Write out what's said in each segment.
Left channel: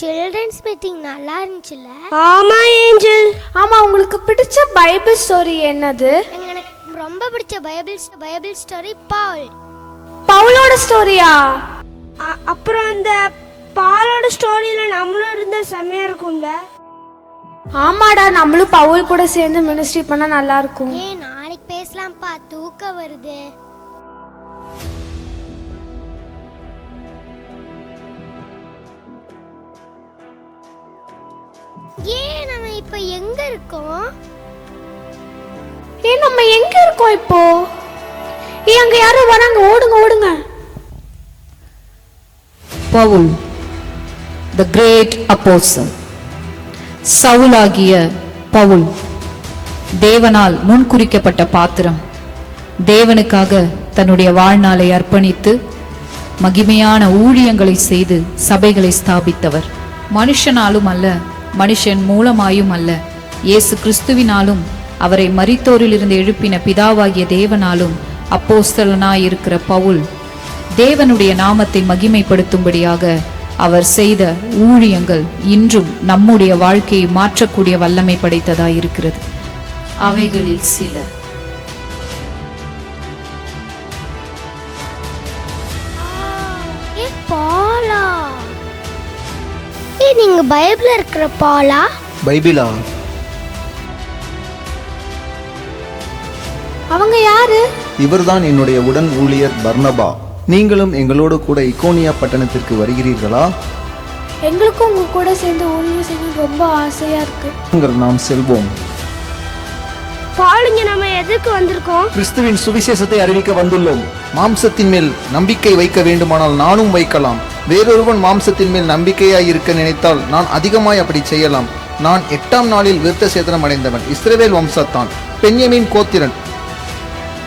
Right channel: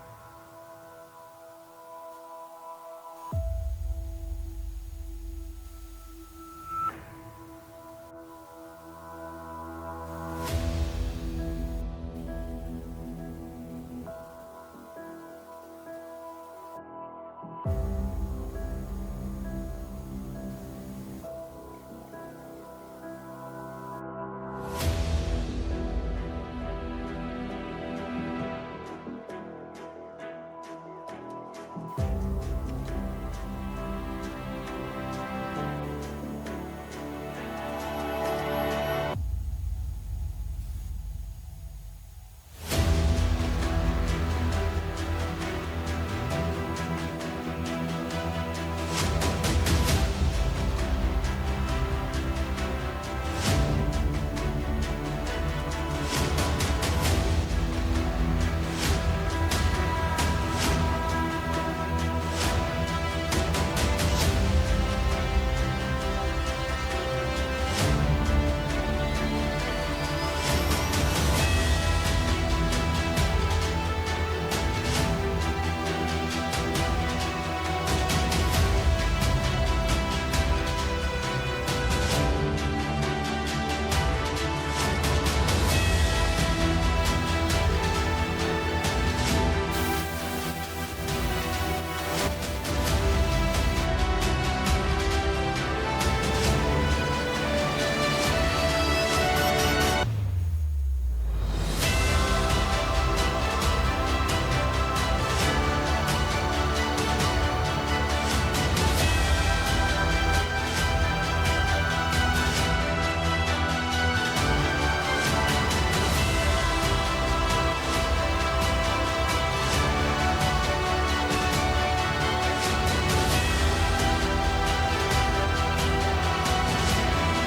Children's meeting நல்லா இருந்துச்சுல்ல? ஆமா ஏஞ்சல். ஆமா, உங்களுக்கு பிடிச்ச பைபிள் ஸ்டோரி என்னது? எனக்கு ரொம்ப பிடிச்ச பைபிள் ஸ்டோரி பவுலோட ஸ்டோரியா? அப்புறம் அந்த பாலோட ஸ்டோரியில நம்மளும் இருந்தா செம்மையா இருக்கும்ல. ஆமாடா, நம்மளும் பவுல் கூட சேர்ந்து மினிஸ்ட்ரி பண்ணா நல்லா இருக்கும். ஏன் நாளைக்கு பேசலாம்ப்பா, தூக்கம் வருது. ஏன் நம்ம இப்ப எங்க இருக்கோம்? நம்ம எங்க இருக்கோம் இப்போ? அங்க யாரும் வராங்க, ஓடுங்க ஓடுங்க. Pavul the great apostle, சவுலாகிய Pavul தேவனால் முன்குறிக்கப்பட்ட பாத்திரம். தேவனுக்காக தன்னுடைய வாழ்நாளை அர்ப்பணித்து மகிமையான ஊழியங்களை செய்து சபைகளை ஸ்தாபித்தவர். மனுஷனாலும் அல்ல, மனுஷன் மூலமாயும் அல்ல, இயேசு கிறிஸ்துவினாலும் அவரை மரித்தோரிலிருந்து எழுப்பின பிதாவாகிய தேவனாலும் அப்போஸ்தலனாயிருக்கிற பவுல் தேவனுடைய நாமத்தை மகிமைப்படுத்தும்படியாக அவர் செய்த ஊழியங்கள் இன்றும் நம்முடைய வாழ்க்கையை மாற்றக்கூடிய வல்லமை படைத்ததாயிருக்கிறது. அவைகளில் சில பாலா, நீங்க பைபிள்ல இருக்கிற பாலா? பைபிளா? அவங்க யாரு? இவர்தான் என்னுடைய உடன் ஊழியர் பர்னபா. நீங்களும் எங்களோடு கூட இக்கோனியா பட்டணத்திற்கு வருகிறீர்களா? எங்களுக்கும் உங்க கூட சேர்ந்து ஊழியம் செய்ய ரொம்ப ஆசையா இருக்கு. நாம் செல்வோம். பாலுங்க, நம்ம எதுக்கு வந்திருக்கோம்? கிறிஸ்துவின் சுவிசேஷத்தை அறிவிக்க வந்துள்ளோம். மாம்சத்தின் மேல் நம்பிக்கை வைக்க வேண்டுமானால் நானும் வைக்கலாம். வேறொருவன் மாம்சத்தின் மேல் நம்பிக்கையாய் இருக்க நினைத்தால் நான் அதிகமாய் அப்படி செய்யலாம். நான் 8ஆம் நாளில் விருத்த சேதனம் அடைந்தவன். இஸ்ரவேல் வம்சத்தான், பென்யமீன் கோத்திரன்,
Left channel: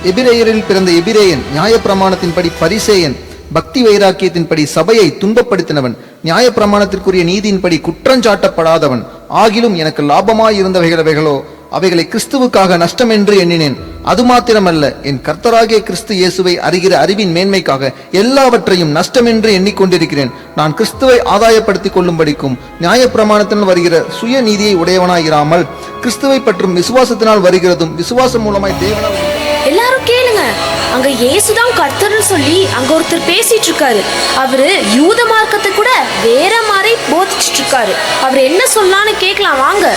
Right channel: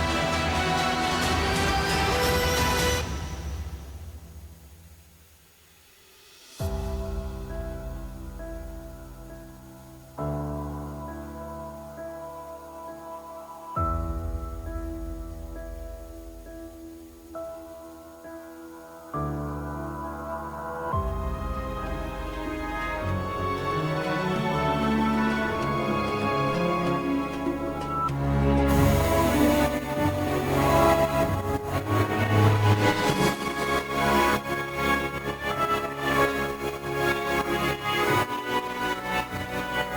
எபிரேயரில் பிறந்த எபிரேயன், நியாயப்பிரமாணத்தின்படி பரிசேயன், பக்தி வைராக்கியத்தின்படி சபையை துன்பப்படுத்தினவன், நியாயப்பிரமாணத்திற்குரிய நீதியின்படி குற்றஞ்சாட்டப்படாதவன். ஆகிலும் எனக்கு லாபமாய் இருந்தவைகளோ அவைகளை கிறிஸ்துவுக்காக நஷ்டம் என்று எண்ணினேன். அது மாத்திரமல்ல, என் கர்த்தராகிய கிறிஸ்து இயேசுவை அறிகிற அறிவின் மேன்மைக்காக எல்லாவற்றையும் நஷ்டம் என்று எண்ணிக்கொண்டிருக்கிறேன். நான் கிறிஸ்துவை ஆதாயப்படுத்திக் கொள்ளும்படிக்கும் நியாயப்பிரமாணத்தினால் வருகிற சுய நீதியை உடையவனாயிராமல் கிறிஸ்துவை பற்றும் விசுவாசத்தினால் வருகிறதும் விசுவாசம் மூலமாய் தேவனால். எல்லாரும் கேளுங்க, அங்க இயேசுதான் கர்த்தர்னு சொல்லி அங்க ஒருத்தர் பேசிட்டு இருக்காரு. அவரு யூத மார்க்கத்தை கூட வேற மாதிரி போதிச்சுட்டு இருக்காரு. அவர் என்ன சொல்லலான்னு கேட்கலாம் வாங்க.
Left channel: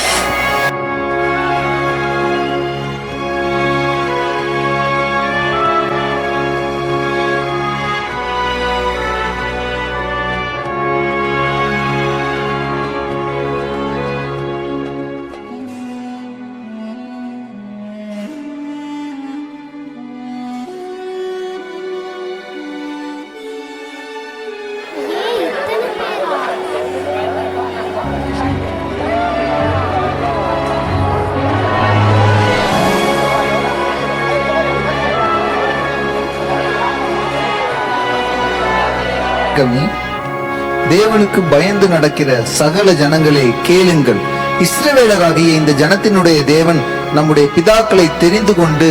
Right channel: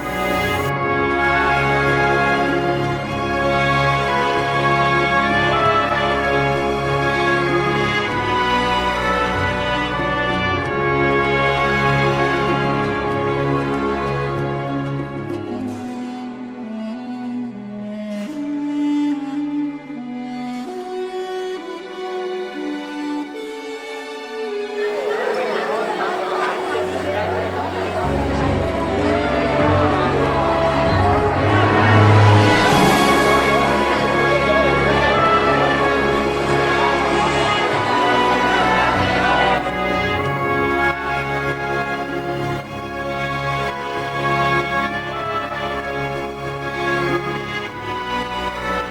தேவனுக்கு பயந்து நடக்கிற சகல ஜனங்களே கேளுங்கள். இஸ்ரவேலராகிய இந்த ஜனத்தினுடைய தேவன் நம்முடைய பிதாக்களை தெரிந்து கொண்டு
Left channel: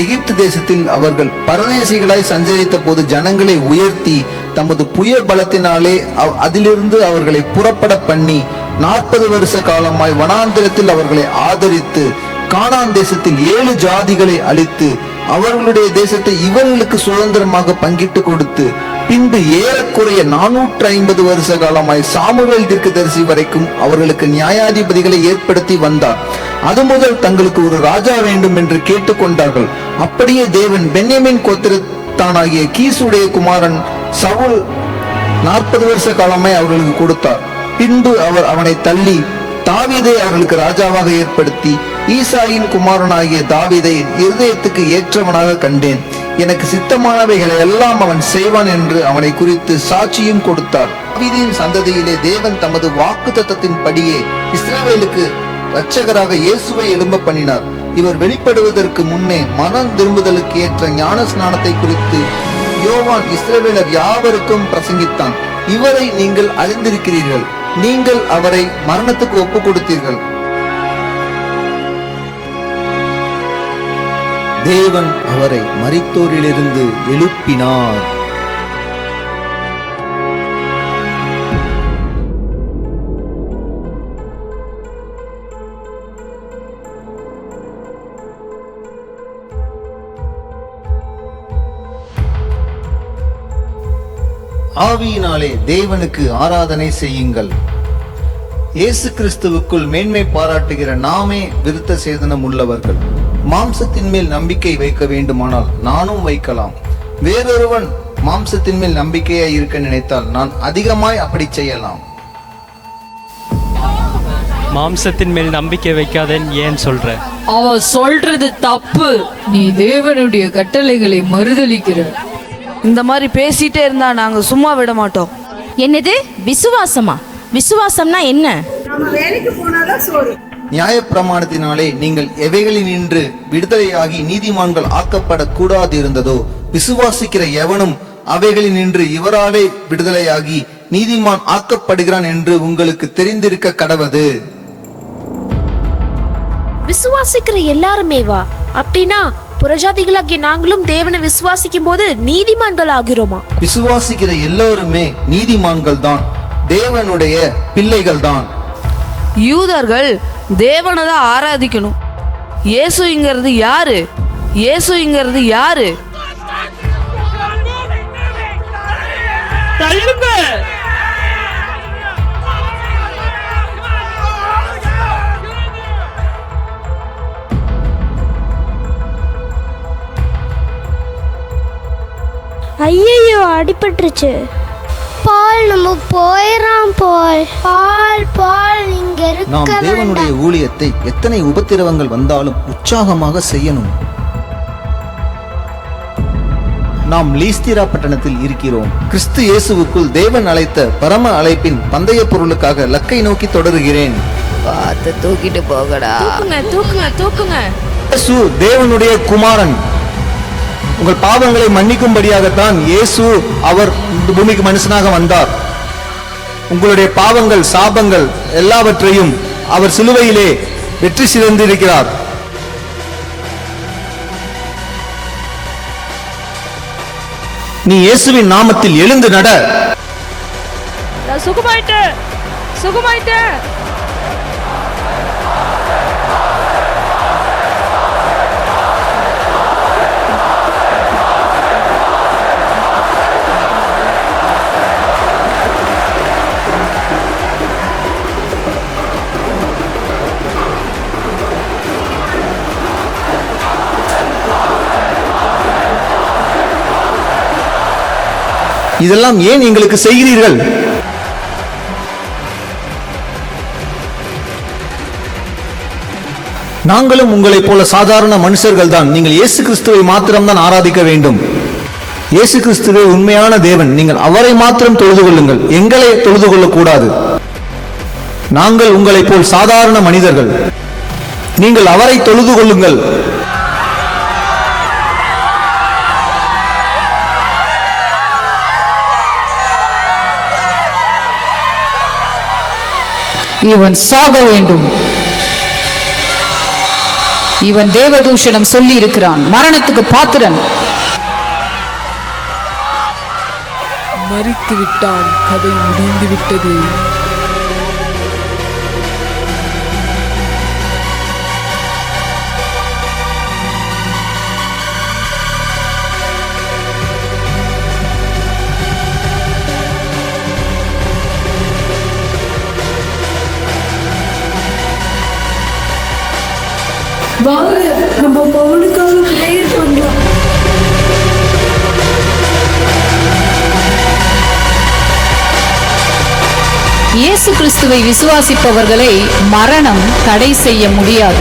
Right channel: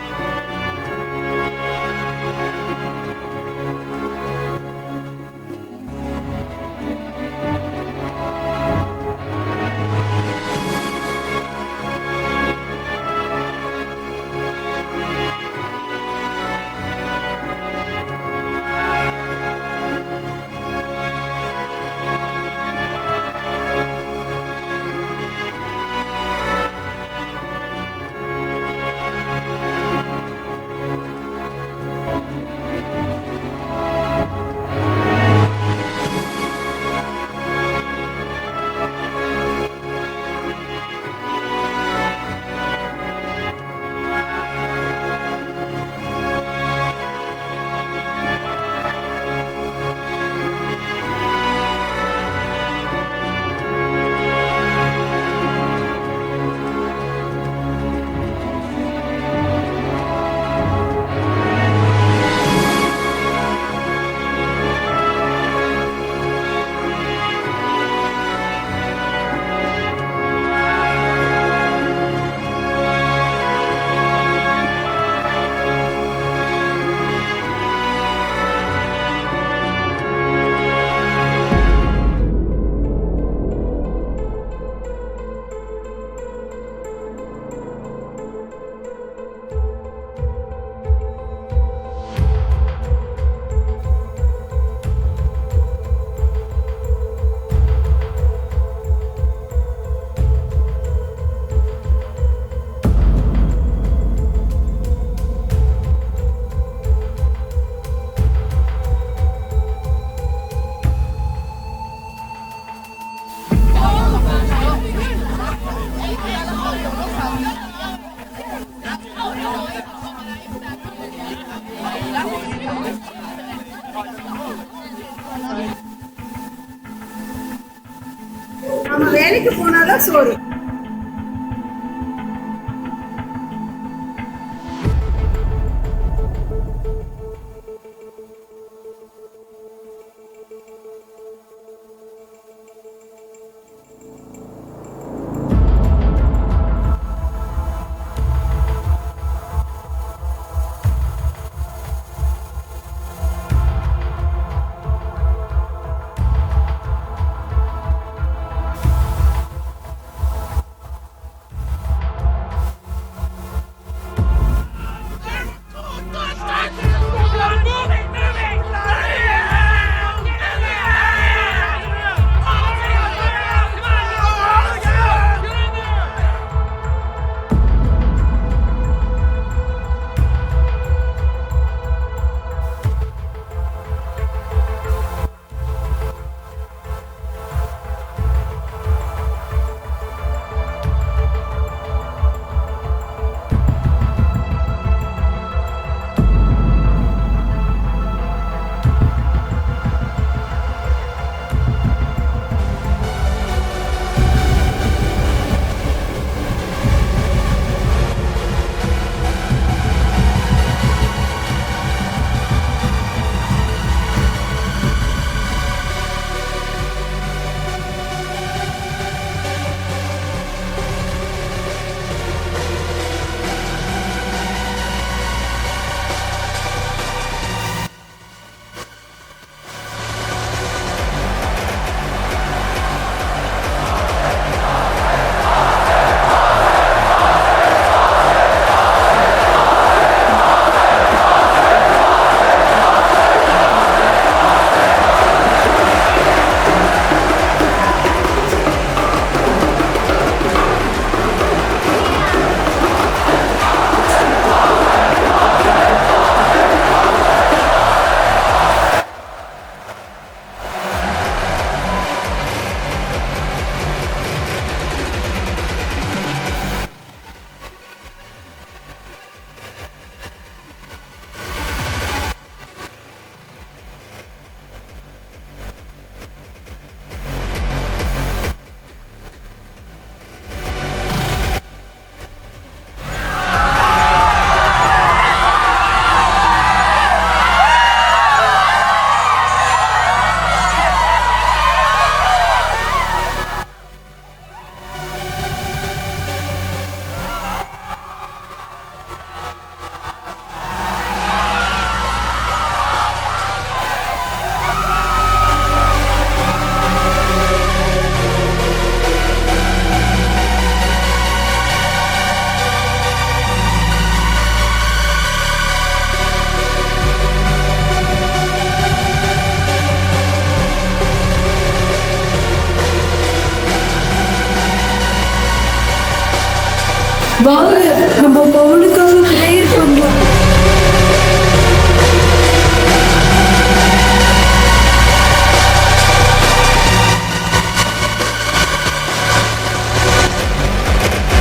எகிப்து தேசத்தில் அவர்கள் பரதேசிகளாய் சஞ்சரித்த போது ஜனங்களை உயர்த்தி தமது புயல் பலத்தினாலே அதிலிருந்து அவர்களை புறப்பட பண்ணி 40 வருஷ காலமாய் வனாந்திரத்தில் அவர்களை ஆதரித்து கானான் தேசத்தில் 7 ஜாதிகளை அழித்து அவர்களுடைய தேசத்தை இவர்களுக்கு சுதந்திரமாக பங்கிட்டு கொடுத்து பின்பு ஏறக்குறைய 450 வருஷ காலமாய் சாமுவேல் தீர்க்கதரிசி வரைக்கும் அவர்களுக்கு நியாயாதிபதிகளை ஏற்படுத்தி வந்தார். அது முதல் தங்களுக்கு ஒரு ராஜா வேண்டும் என்று கேட்டுக்கொண்டார்கள். அப்படியே தேவன் பென்யமீன் கோத்திரத்தானாகிய கீசுடைய குமாரன் சவுல் 40 வருஷ காலமாய் அவர்களுக்கு கொடுத்தார். பின்பு அவர் அவனை தள்ளி தாவீதை அவர்களுக்கு ராஜாவாக ஏற்படுத்தி ஈசாயின் குமாரனாகிய தாவீதை இருதயத்துக்கு ஏற்றவனாக கண்டேன். எனக்கு சித்தமானவைகளை எல்லாம் அவன் செய்வான் என்று அவனை குறித்து சாட்சியும் கொடுத்தார். தாவீதின் சந்ததியிலே தேவன் தமது வாக்குத்தத்தத்தின் படியே இஸ்ரவேலுக்கு இரட்சகராக இயேசுவை எழும்ப பண்ணினார். இவர் வெளிப்படுவதற்கு முன்னே மனம் திரும்புதலுக்கு ஏற்ற ஞான ஸ்நானத்தை குறித்து யோவான் இஸ்ரவேலர் யாவருக்கும் பிரசங்கித்தான். இவரை நீங்கள் அறிந்திருக்கிறீர்கள். நீங்கள் அவரை மரணத்துக்கு ஒப்பு கொடுத்தீர்கள். தேவன் அவரை மரித்தோரிலிருந்து எழுப்பினார். ஆவியினாலே தேவனுக்கு ஆராதனை செய்யுங்கள். இயேசு கிறிஸ்துவுக்குள் மேன்மை பாராட்டுகிற நாமே விருத்த சேதனம் உள்ளவர்கள். மாம்சத்தின் மேல் நம்பிக்கை வைக்க வேண்டுமானால் நானும் வைக்கலாம். வேறொருவன் மாம்சத்தின் மேல் நம்பிக்கையாய் இருக்க நினைத்தால் நான் அதிகமாய் அப்படி செய்யலாம். மாம்சத்தின் மேல் நம்பிக்கை வைக்காதேன்னு ஏன் சொல்ற? அவன் சொல்றது தப்பு. நீ தேவனுடைய கட்டளைகளை மறுதலிக்கிற. இந்த மாதிரி பேசிட்டே இருந்தா நாங்க சும்மா விட மாட்டோம். என்னது விசுவாசமா? விசுவாசம்னா என்ன? நியாயப்பிரமாணத்தினாலே நீங்கள் எவைகளினின்று விடுதலையாகி நீதிமான்கள் ஆக்கப்படக்கூடாது இருந்ததோ விசுவாசிக்கிற எவனும் அவைகளினின்று இவராலே விடுதலையாகி நீதிமான் ஆக்கப்படுகிறான் என்று உங்களுக்கு தெரிந்திருக்க கடவது. விசுவாசிக்கிற எல்லாருமேவா? அப்படின்னா புறஜாதிகளாகிய நாங்களும் தேவனை விசுவாசிக்கும் போது நீதிமான்கள் ஆகிறோமா? விசுவாசிக்கிற எல்லோருமே நீதிமான்கள் தான், தேவனுடைய பிள்ளைகள் தான். யூதர்கள் தேவனை தான் ஆராதிக்கணும். இயேசுங்கிறது யாரு? இயேசுங்கிறது யாரு? ஐயையோ, அடிபட்டுருச்சு. பால் நம்ம போயிடலாம். பால் இங்க நாம் இருக்க தேவனுடைய வேண்டாம். ஊழியத்தை எத்தனை உபத்திரவங்கள் வந்தாலும் உற்சாகமாக செய்யணும். நாம் லீஸ்திரா பட்டணத்தில் இருக்கிறோம். கிறிஸ்து இயேசுவுக்குள் தேவன் அழைத்த பரம அழைப்பின் பந்தய பொருளுக்காக லக்கை நோக்கி தொடருகிறேன். தூக்கிட்டு போகடா. தூக்குங்க. இயேசு தேவனுடைய குமாரன். உங்கள் பாவங்களை மன்னிக்கும்படியாகத்தான் இயேசு அவர் இந்த பூமிக்கு மனுஷனாக வந்தார். உங்களுடைய பாவங்கள், சாபங்கள் எல்லாவற்றையும் அவர் சிலுவையிலே வெற்றி சிறந்திருக்கிறார். நீ இயேசுவின் நாமத்தில் எழுந்து நட. சுகமாயிட்டு. இதெல்லாம் ஏன் எங்களுக்கு செய்கிறீர்கள்? நாங்களும் உங்களைப் போல சாதாரண மனுஷர்கள் தான். நீங்கள் இயேசு கிறிஸ்துவை மாத்திரம்தான் ஆராதிக்க வேண்டும். இயேசு கிறிஸ்துவே உண்மையான தேவன். நீங்கள் அவரை மாத்திரம் தொழுது கொள்ளுங்கள், எங்களை தொழுது கொள்ளக்கூடாது. நாங்கள் உங்களைப் போல் சாதாரண மனிதர்கள். நீங்கள் அவரை தொழுது கொள்ளுங்கள். இவன் சாக வேண்டும். இவன் தேவதூஷணம் சொல்லி இருக்கிறான். மரணத்துக்கு பாத்திரன். மரித்து விட்டான். அதை முடிந்து விட்டது. வாங்க, நம்ம பவுலுக்காக பிரேயர் பண்ணலாம். இயேசு கிறிஸ்துவை விசுவாசிப்பவர்களை மரணம் தடை செய்ய முடியாது.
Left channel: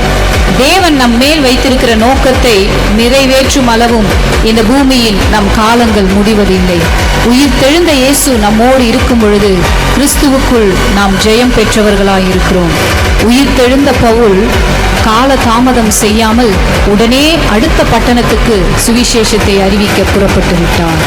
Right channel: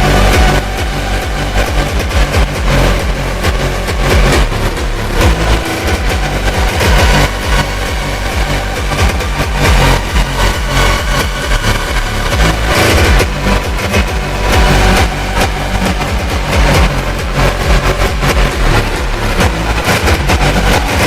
தேவன் நம் மேல் வைத்திருக்கிற நோக்கத்தை நிறைவேற்றும் அளவும் இந்த பூமியில் நம் காலங்கள் முடிவதில்லை. உயிர் தெழுந்த இயேசு நம்மோடு இருக்கும் பொழுது கிறிஸ்துவுக்குள் நாம் ஜெயம் பெற்றவர்களாய் இருக்கிறோம். உயிர் தெழுந்த பவுல் கால தாமதம் செய்யாமல் உடனே அடுத்த பட்டணத்துக்கு சுவிசேஷத்தை அறிவிக்க புறப்பட்டு விட்டார்.